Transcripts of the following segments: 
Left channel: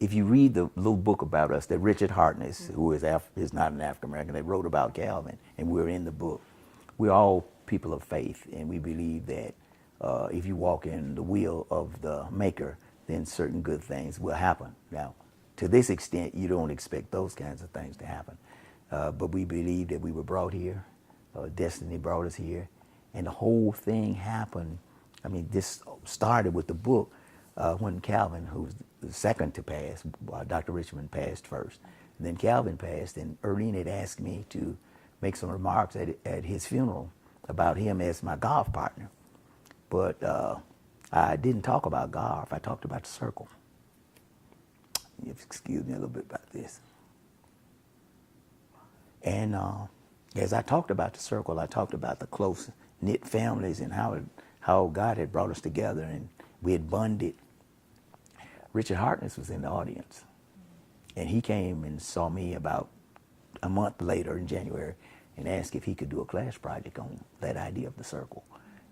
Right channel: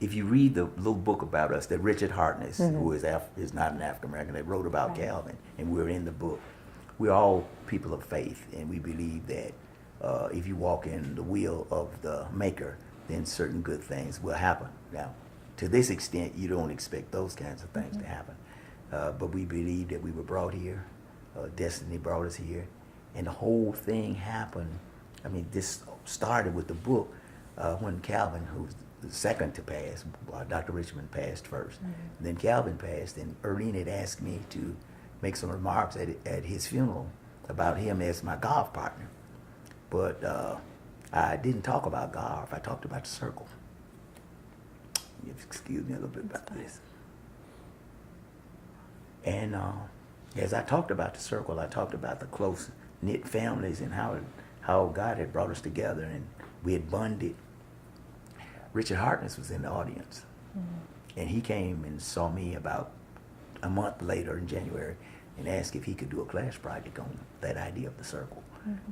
if you read the little book about us that Richard Hartness, who is not an African American, that wrote about Calvin, and we're in the book. We're all people of faith, and we believe that if you walk in the will of the Maker, then certain good things will happen. Now, to this extent, you don't expect those kinds of things to happen, but we believe that we were brought here. Destiny brought us here, and the whole thing happened. I mean, this started with the book when Calvin, who's the second to pass, Dr. Richmond passed first. Then Calvin passed, and Erlene had asked me to make some remarks at his funeral about him as my golf partner. But I didn't talk about golf. I talked about the circle. Excuse me a little bit about this. And as I talked about the circle, I talked about the close-knit families and how God had brought us together and we had bonded. Richard Hartness was in the audience. And he came and saw me about a month later in January and asked if he could do a class project on that idea of the circle.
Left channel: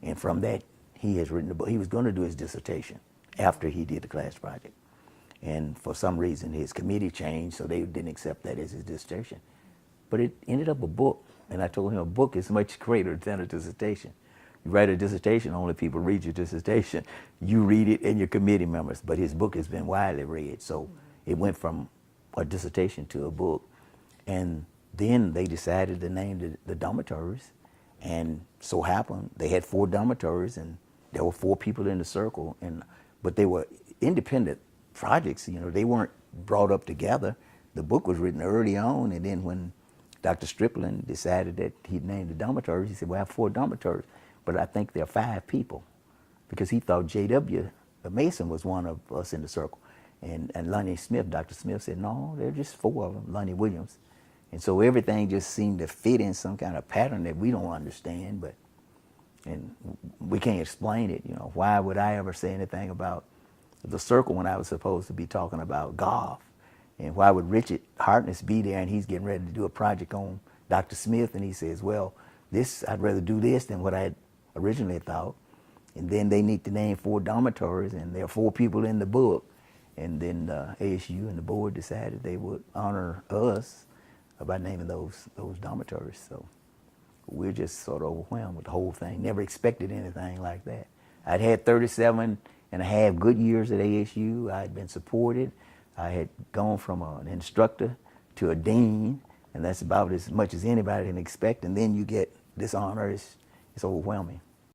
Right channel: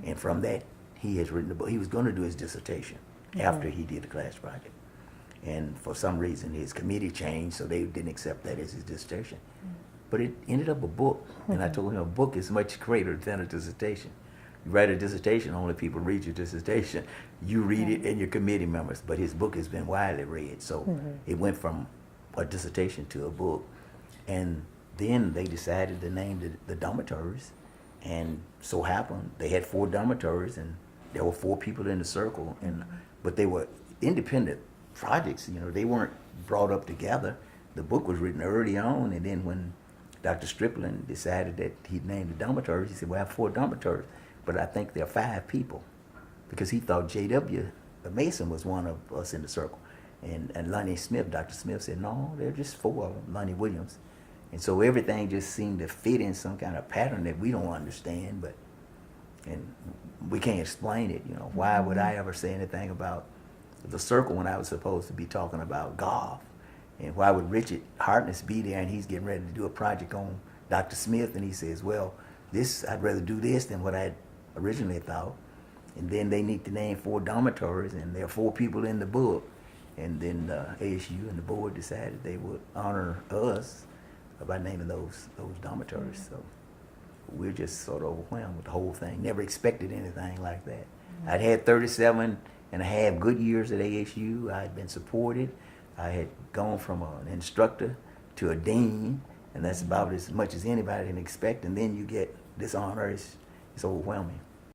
And from that, he has written a book. He was going to do his dissertation after he did the class project. And for some reason, his committee changed, so they didn't accept that as his dissertation. But it ended up a book, and I told him a book is much greater than a dissertation. You write a dissertation, only people read your dissertation. You read it and your committee members, but his book has been widely read. So it went from a dissertation to a book. And then they decided to name the dormitories, and so happened they had 4 dormitories, and there were 4 people in the circle, but they were independent projects. You know, they weren't brought up together. The book was written early on, and then when Dr. Strickland decided that he'd name the dormitories, he said, well, I have 4 dormitories, but I think there are 5 people, because he thought J.W. Mason was one of us in the circle. And Lonnie Smith, Dr. Smith said, no, there are just 4 of them, Lonnie Williams. And so everything just seemed to fit in some kind of pattern that we don't understand, and we can't explain it. You know, why would I ever say anything about the circle when I was supposed to be talking about golf? And why would Richard Hartness be there and he's getting ready to do a project on Dr. Smith, and he says, well, I'd rather do this than what I had originally thought. And then they need to name 4 dormitories, and there are 4 people in the book. And then ASU and the board decided they would honor us by naming those dormitories. So we're just sort of overwhelmed with the whole thing. Never expected anything like that. I'd had 37 and a half good years at ASU. I'd been supported. I had gone from an instructor to a dean, and that's about as much as anybody can expect. And then you get this honor. It's overwhelming.